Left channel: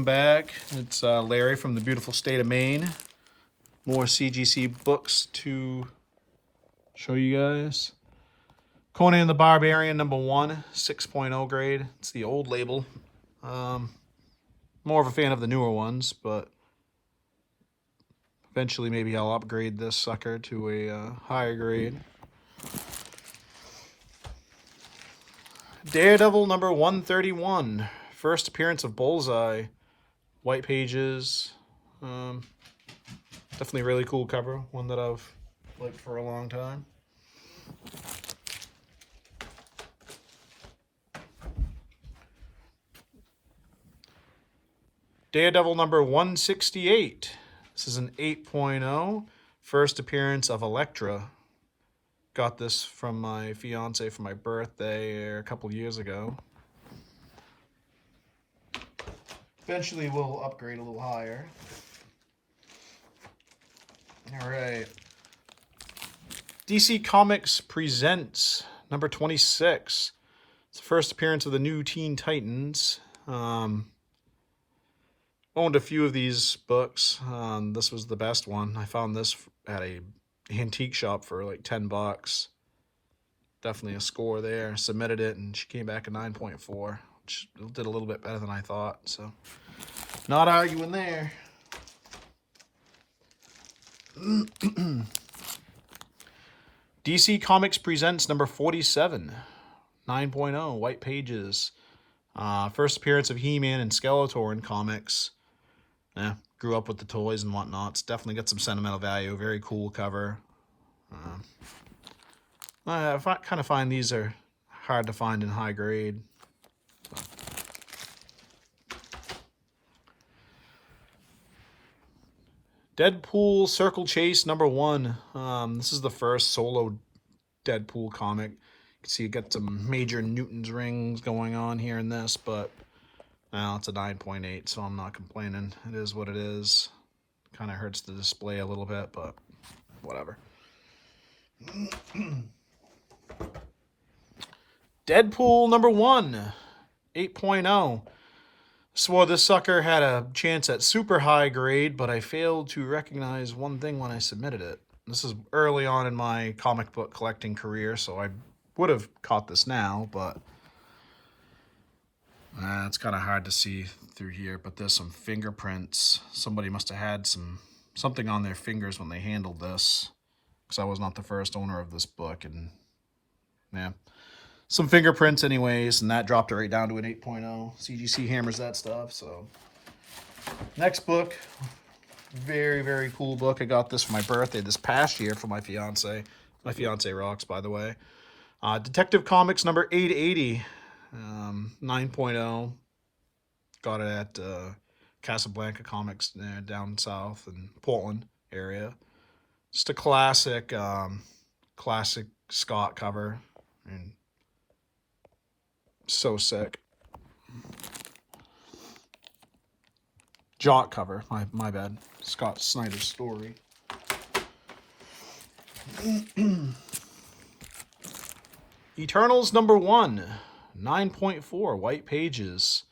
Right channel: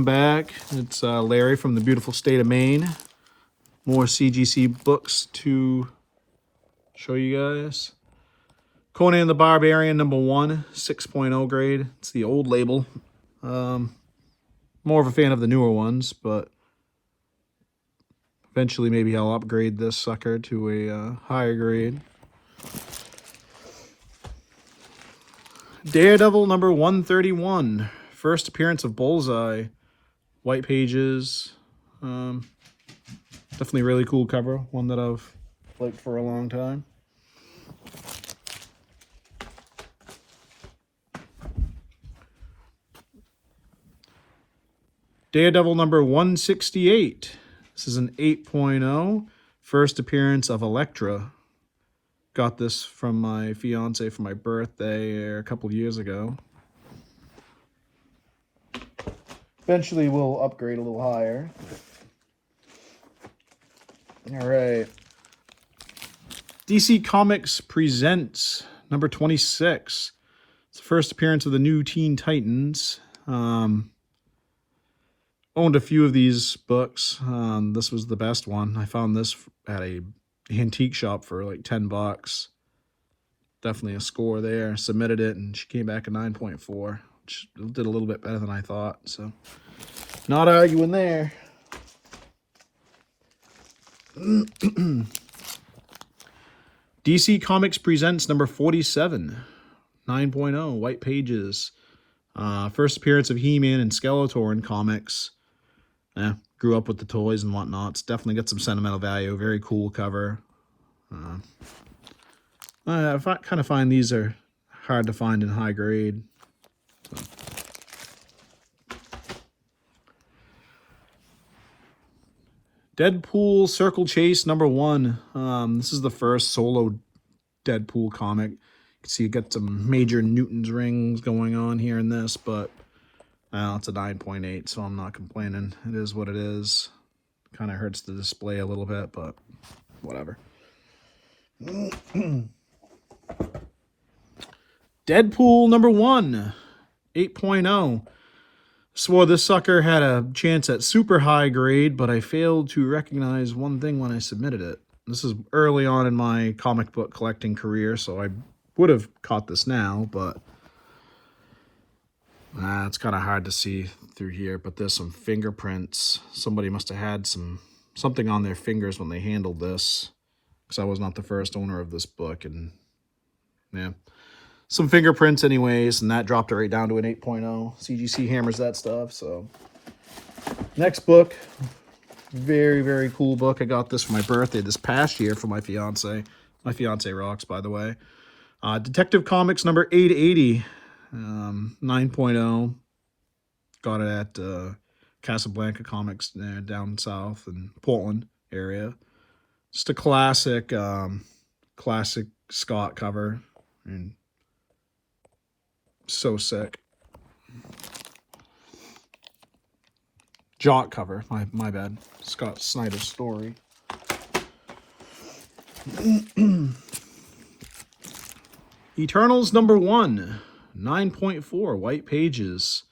welcome back. It's Larry from the beautiful state of Maine. More CGC books to show you guys. Conan the Barbarian #1, 6.0 grade. It's the old label. More of a fan of the newer ones, but eventually maybe I'll upgrade this sucker to a higher grade. Daredevil #131. First appearance of Bullseye. White pages. Definitely really cool cover. One that I've liked for a long time. Daredevil #168. This is an 8.0. First appearance of Elektra. Got this from my fiance for my birthday a couple of years ago. Eventually we'll upgrade a little higher. All right. DC Comics presents #26. It's the first appearance of the new Teen Titans. Owned a few of these books. This was the best one. I found this at a antique shop for like $10. Definitely a score there. Submitted it and she came back a 9.4. Which did a little bit better than I thought. So not arguing there. DC Comics presents #47. 9.0. White pages. First appearance of He-Man and Skeletor in comics. Grew up with the toys and whatnot. It's definitely got some sentimental value. Very cool cover. I kind of find these are hard to find in high grade. So. Deadpool Circle Chase #1. This is the first solo Deadpool comic. You can see you got some major Newton's rings going on here in this, but it's a 9.8, so I'm not complaining. It is what it is. Kind of hurts the display a little bit, but whatever. Deadpool #1, 8.0. Swore this sucker had a chance at super high grade, but I failed to recognize one thing when I submitted it. This is early on in my comic book collecting career, so I would have caught this now, but it's kind of hard to see through here. But there's some fingerprints. Somebody must have had something on their fingers when they handled this, because I was not the first owner of this book, and yeah. Some fingerprints anyways, and that dropped it right down to an 8.0. CGC hammers that stuff. So next book, very, very cool book. I got this for my birthday this past year for my fiance. My fiance rocks, by the way. Detective Comics #880, 9.0. Got it at Casablanca Comics there down south in Portland area. Just a classic Scott cover, and so sick. Jock cover, my bad. Scott Snyder's story. Eternals #1, 9.4. White pages.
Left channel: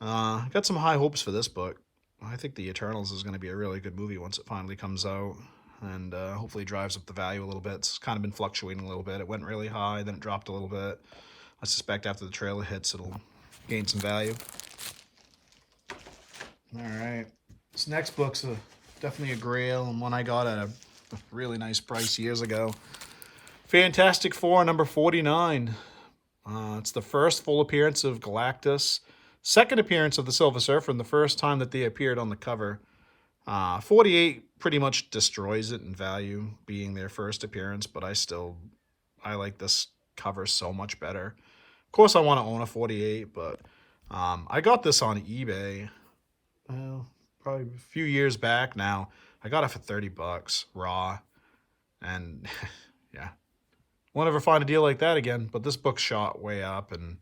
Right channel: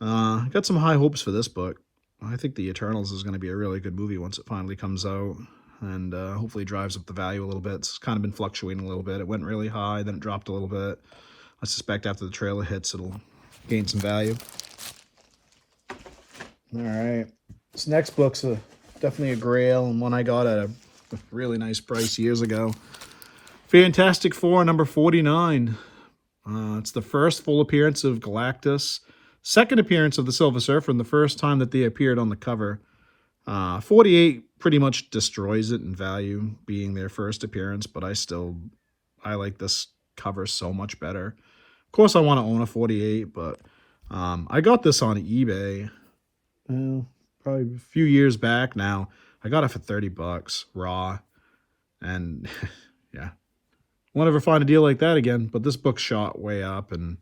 Got some high hopes for this book. I think the Eternals is going to be a really good movie once it finally comes out, and hopefully drives up the value a little bit. It's kind of been fluctuating a little bit. It went really high, then it dropped a little bit. I suspect after the trailer hits, it'll gain some value. All right. This next book's definitely a grail, and one I got at a really nice price years ago. Fantastic Four #49. It's the first full appearance of Galactus. Second appearance of the Silver Surfer, and the first time that they appeared on the cover. 48 pretty much destroys it in value, being their first appearance, but I like this cover so much better. Of course, I want to own a 48, but I got this on eBay probably a few years back now. I got it for $30 raw, and yeah, won't ever find a deal like that again. But this book shot way up, and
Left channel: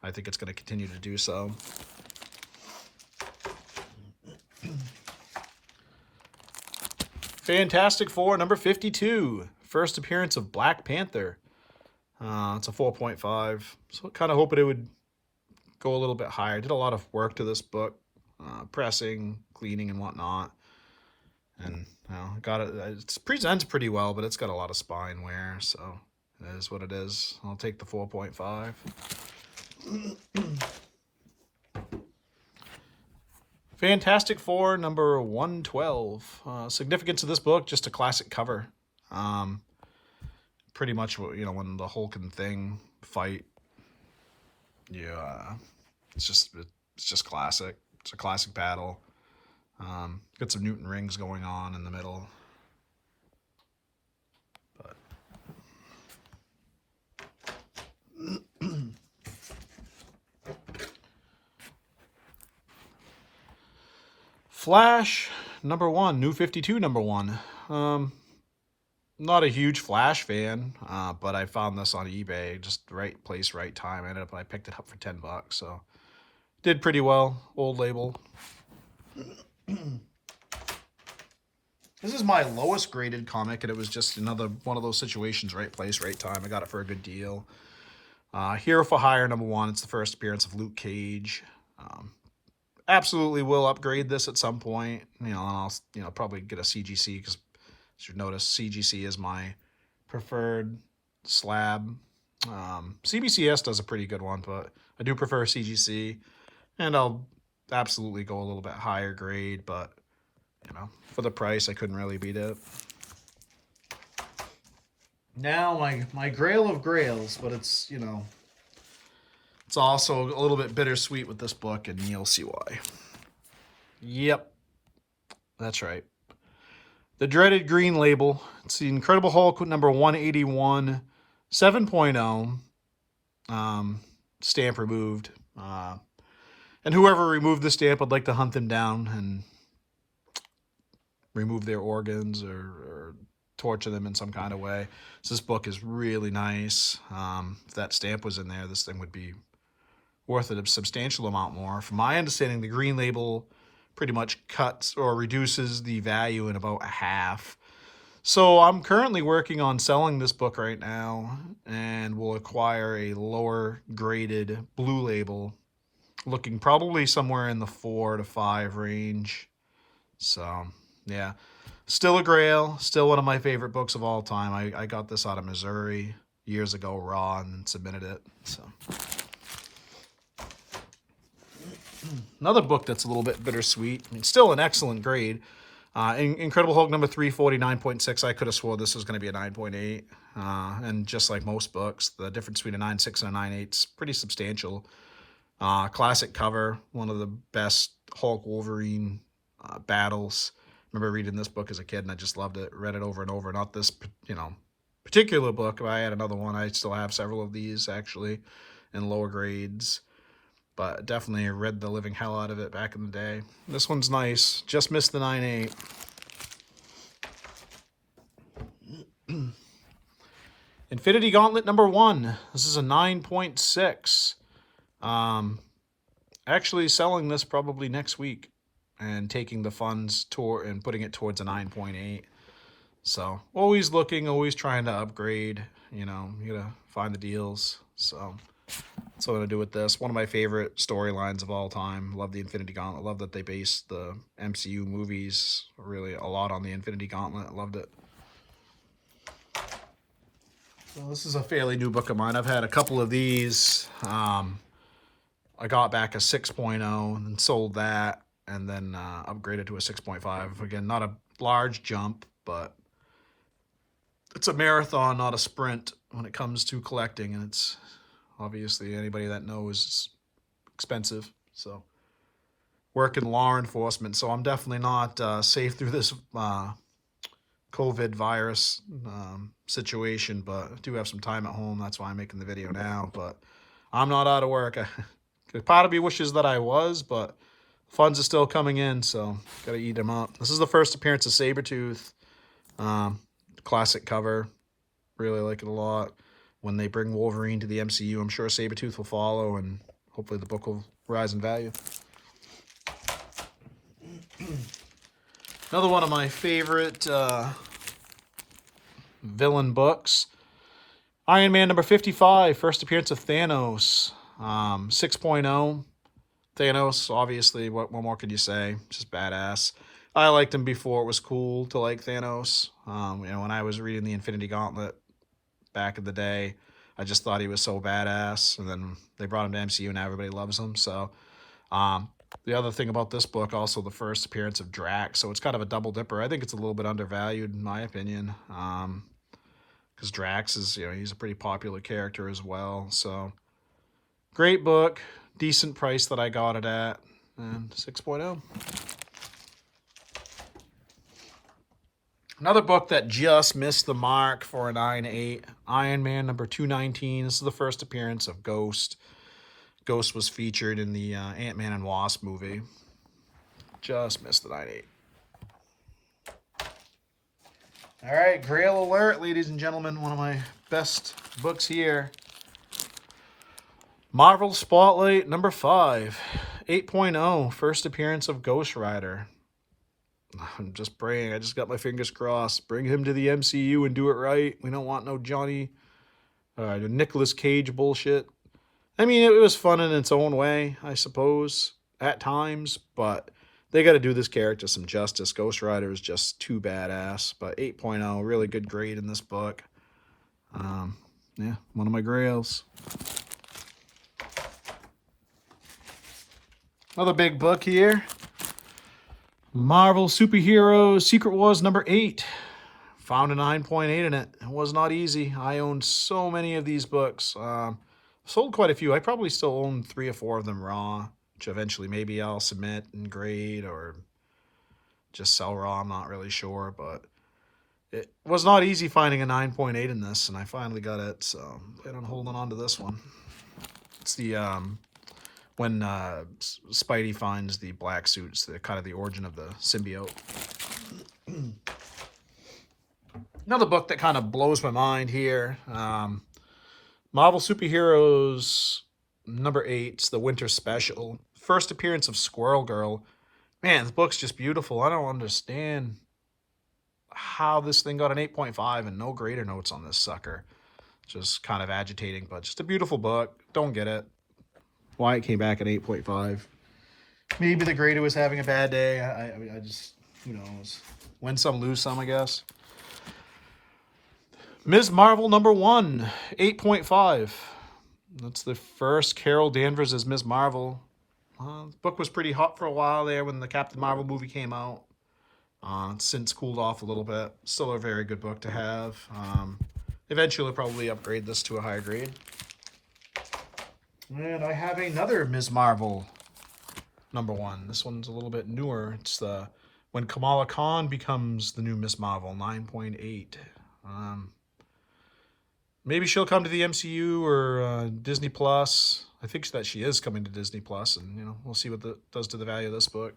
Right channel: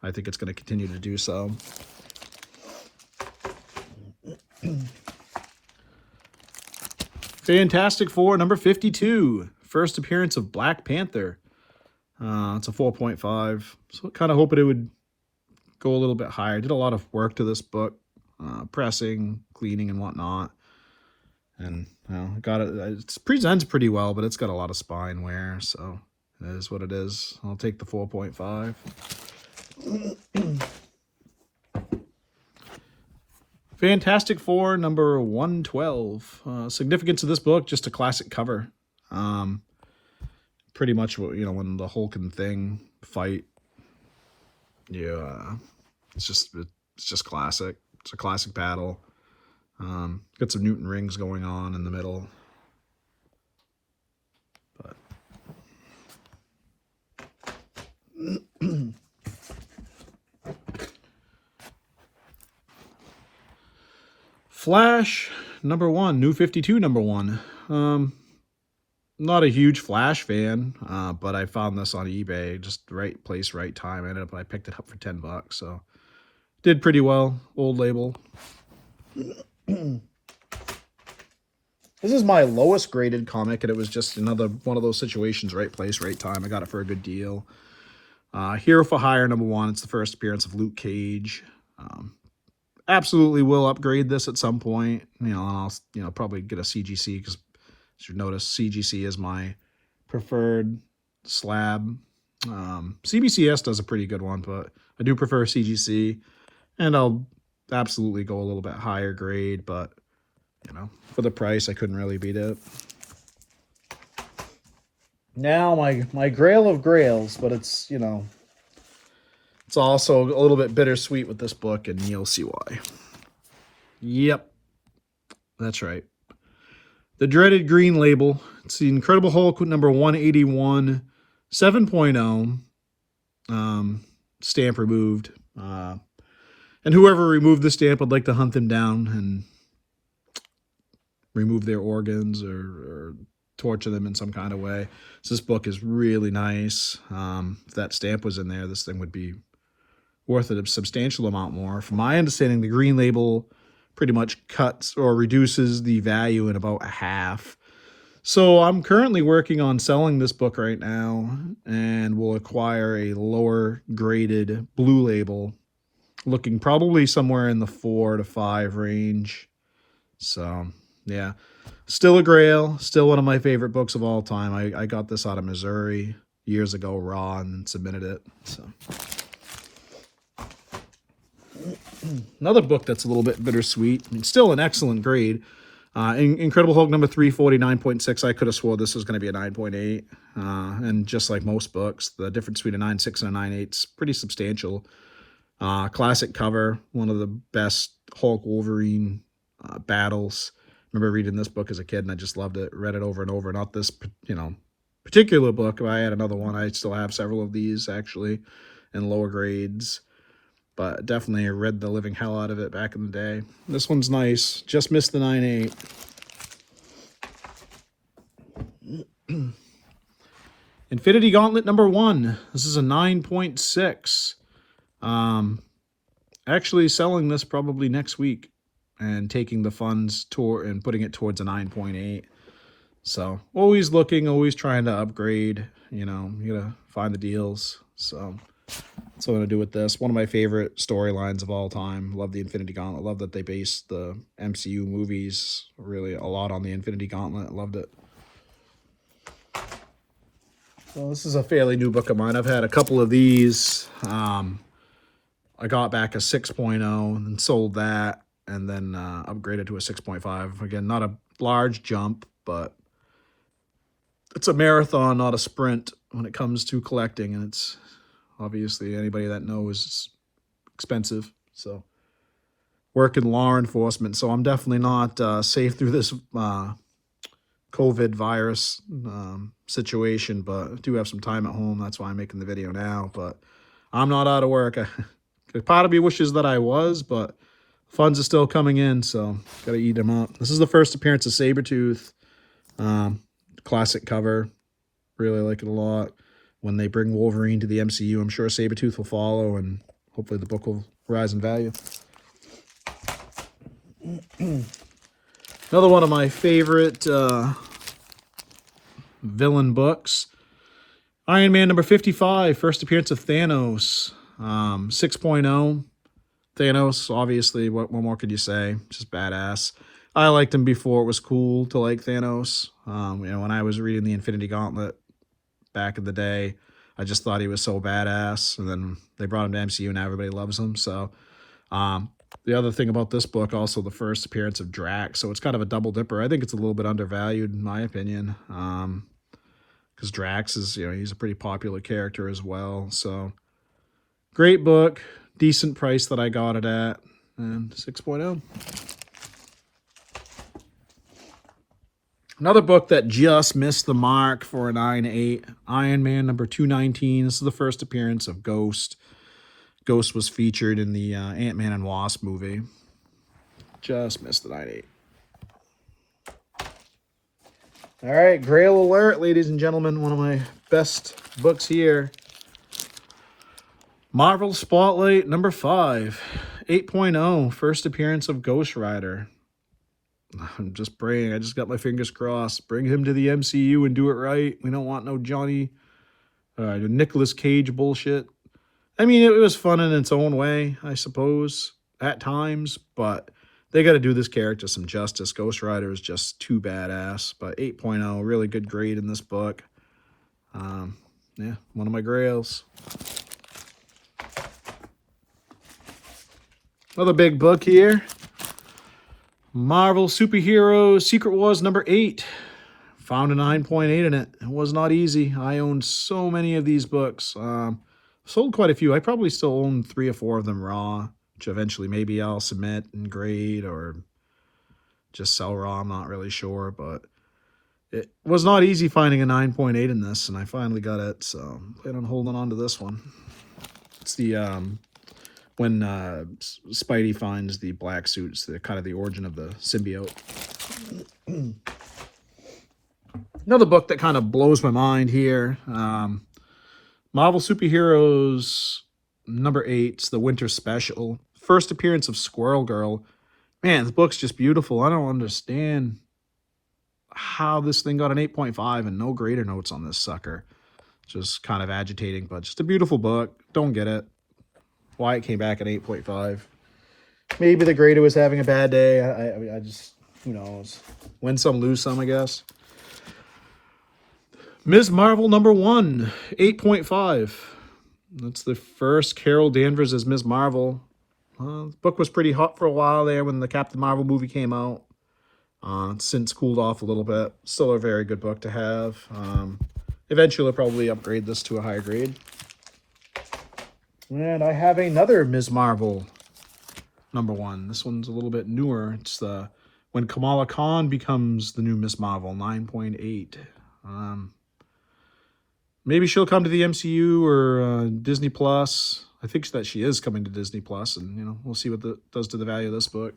I think it's going to continue to do so. Fantastic Four #52. First appearance of Black Panther. It's a 4.5. So kind of hoping it would go a little bit higher. I did a lot of work to this book. pressing, cleaning, and whatnot. And got it. It presents pretty well, but it's got a lot of spine wear, so it is what it is. I'll take the 4.5. Fantastic Four number 112. Significance of this book, just a classic cover. Pretty much what, when the Hulk and Thing fight. Yeah, it's just classic. It's a classic battle. Got some Newton rings going on in the middle. But Flash number 1, New 52 number 1. Not a huge Flash fan, but I found this on eBay. Just right place, right time. I picked it up for $10, so did pretty well. Old label. This is my lowest graded comic, and it was just another one of those situations, right place, right time. I got it for a good deal. Hero for Hire number 1. It's the first appearance of Luke Cage. Absolutely will upgrade this at some point. And I'll probably get a CGC, because as you notice, CGC is my preferred slab. CBCS does a pretty good one, but I do prefer CGC, and I'll absolutely go a little bit higher grade, but for the price, I couldn't really beat it. Now my grail of grails, but it's it's also a little bit bittersweet with this book, and you'll see why. Yep, that's right. The dreaded green label. It's the Incredible Hulk number 181, 7.0. Stamp removed. And whoever removed the stamp, I'd like to hunt them down and remove their organs or torture them in some kind of way. So this book is really nice. If that stamp was in there, this thing would be worth a substantial amount more. From my understanding, the green label pretty much cuts or reduces the value in about a half. So I'm currently working on selling this book right now, and will acquire a lower graded blue label, looking probably somewhere in the 4 to 5 range. So yeah, still a grail, still one of my favorite books of all time. I got this out of Missouri years ago raw and submitted it. So another book that's a little bit bittersweet. Still an excellent grade. Incredible Hulk number 349.6. I could have swore this was going to be a 9.8. And just like most books, the difference between a 9.6 and a 9.8 is pretty substantial. Classic cover, one of the best Hulk Wolverine battles. Remember reading this book as a kid, and I just loved it. Read it over and over. Not this, particular book. I had another one. I still have several of these, actually, in lower grades. But definitely read the living hell out of it back in the day. This one's nice. Just missed the 9.8. Infinity Gauntlet number 1. This is a 9.6. Actually selling this probably next week and taking the funds and putting it towards a 9.8. So always looking, always trying to upgrade. You gotta find the deals. So that's what I'm going to do with this. One of my favorite storylines of all time. Love the Infinity Gauntlet. Love that they based the MCU movies really a lot on the Infinity Gauntlet. Loved it. Well, this is a fairly new book of mine. I've had a couple of these. I got back a 6.0 and sold that, and then upgraded to a 6.5. Again, not a large jump, but it's a marathon, not a sprint when it comes to collecting, and it's obviously, anybody that knows, it's expensive. So, work in law enforcement, so I'm definitely not safe through this COVID virus situation, but I do have some time at home. That's why I'm making the video now, but I'm not out of work. Part of me wishes that I was, but funds are still coming in, so got to eat them up. This is the first appearance of Sabretooth. Classic cover. Really like it a lot. When they bring Wolverine to the MCU, I'm sure Sabretooth will follow, and hopefully the book will rise in value. Another one of my favorite villain books. Iron Man number 55, first appearance of Thanos. 6.0. Thanos, obviously, what more could you say? Just badass. I liked him before it was cool to like Thanos. You know, when I was reading the Infinity Gauntlet back in the day, I just thought he was so badass. And then they brought him to MCU and everybody loves him. So the other thing about this book, also the first appearance of Drax. So it's kind of a double dipper. I think it's a little bit undervalued in my opinion. Because Drax is, you know, he's a pretty popular character as well. So great book. Decent price that I got it at. And 6.0. Another book that just missed the mark for a 9.8, Iron Man number 219. This is the first appearance of Ghost. Ghost was featured in the Ant-Man and Wasp movie. Just missed the 9.8. All right, Grail Alert, ladies and gentlemen. One of my best books here. Marvel Spotlight number 5, 8.0, first appearance of Ghost Rider. I'm just praying. I just got my fingers crossed. Bring him to the MCU and do it right. We don't want no Nicolas Cage bullshit. I mean, it was fun in its own way, I suppose, at times, but they got to do this character some justice. Ghost Rider is just too badass, but 8.0, really good grade in this book. Yeah, one of my grails. Another big book here. Marvel Superheroes Secret Wars number 8. Found a 9.8 in it. It was not easy. I owned so many of these books. Sold quite a few. I probably still own 3 or 4 of them raw, which eventually maybe I'll submit and grade or just sell raw. I'm not really sure, but it was not easy finding a 9.8 in this, and I finally got it, so I plan on holding on to this one. It's the when Spidey finds the black suits, the kind of the origin of the symbiote. Another book that kind of blows my mind here. Marvel Superheroes number 8, it's the Winter Special. First appearance of Squirrel Girl. Man, the book's just beautiful. I don't understand how this thing got an 8.5 and no grader notes on this sucker. Just kind of agitating, but just a beautiful book. Don't get it. Why it came back at 8.5. Maybe the grader was having a bad day. I just, who knows. Win some, lose some, I guess. Ms. Marvel number 1, 8.5. That's the first Carol Danvers as Ms. Marvel. The book was pretty hot for a while there when the Captain Marvel movie came out. It's since cooled off a little bit. Still a very good book to have. Eventually I'll probably upgrade this to a higher grade. And I have another Ms. Marvel number 1. This one's a little bit newer. It's the When Kamala Khan Becomes the New Ms. Marvel, 9.8. Maybe she'll come to the MCU or Disney Plus. I think that she is coming to Disney Plus, and you know, we'll see what that does to the value of this book.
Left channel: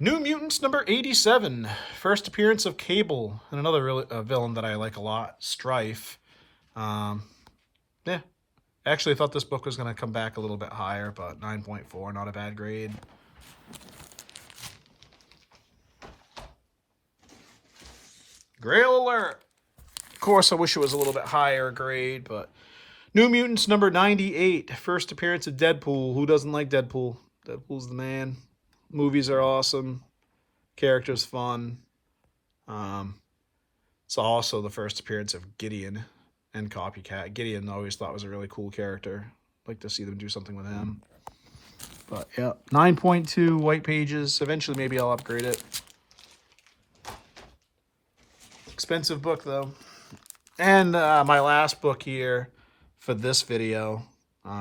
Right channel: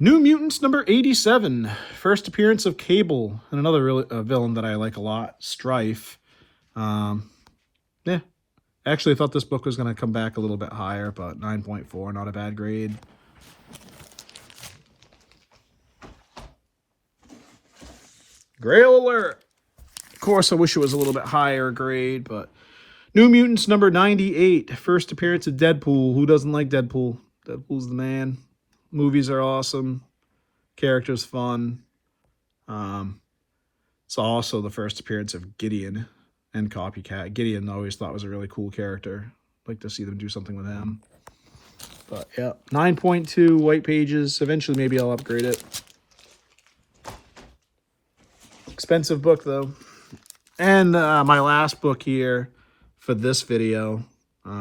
New Mutants number 87. First appearance of Cable, and another really, villain that I like a lot, Strife. Yeah. Actually, I thought this book was going to come back a little bit higher, but 9.4, not a bad grade. Grail Alert. Of course, I wish it was a little bit higher grade, but New Mutants number 98. First appearance of Deadpool. Who doesn't like Deadpool? Deadpool's the man. Movies are awesome. Character's fun. It's also the first appearance of Gideon and Copycat. Gideon I always thought was a really cool character. I'd like to see them do something with him. But yeah, 9.2 white pages. Eventually maybe I'll upgrade it. Expensive book though. And my last book here for this video,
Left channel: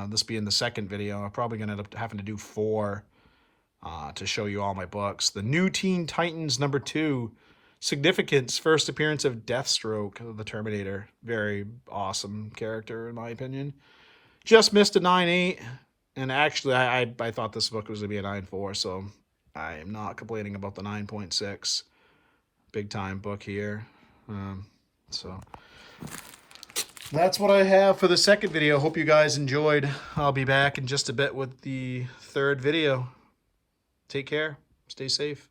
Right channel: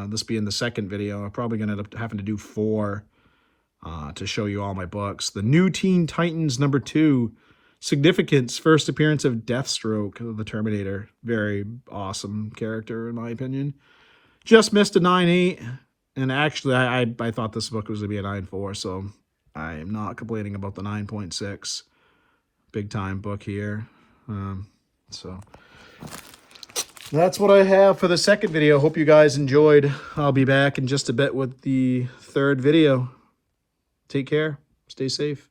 this being the second video, I'm probably going to end up having to do 4 to show you all my books. The New Teen Titans number 2, Significance, first appearance of Deathstroke, the Terminator. Very awesome character in my opinion. Just missed a 9.8, and actually I thought this book was going to be a 9.4, so I am not complaining about the 9.6. Big time book here. So that's what I have for the second video. Hope you guys enjoyed. I'll be back in just a bit with the third video. Take care. Stay safe.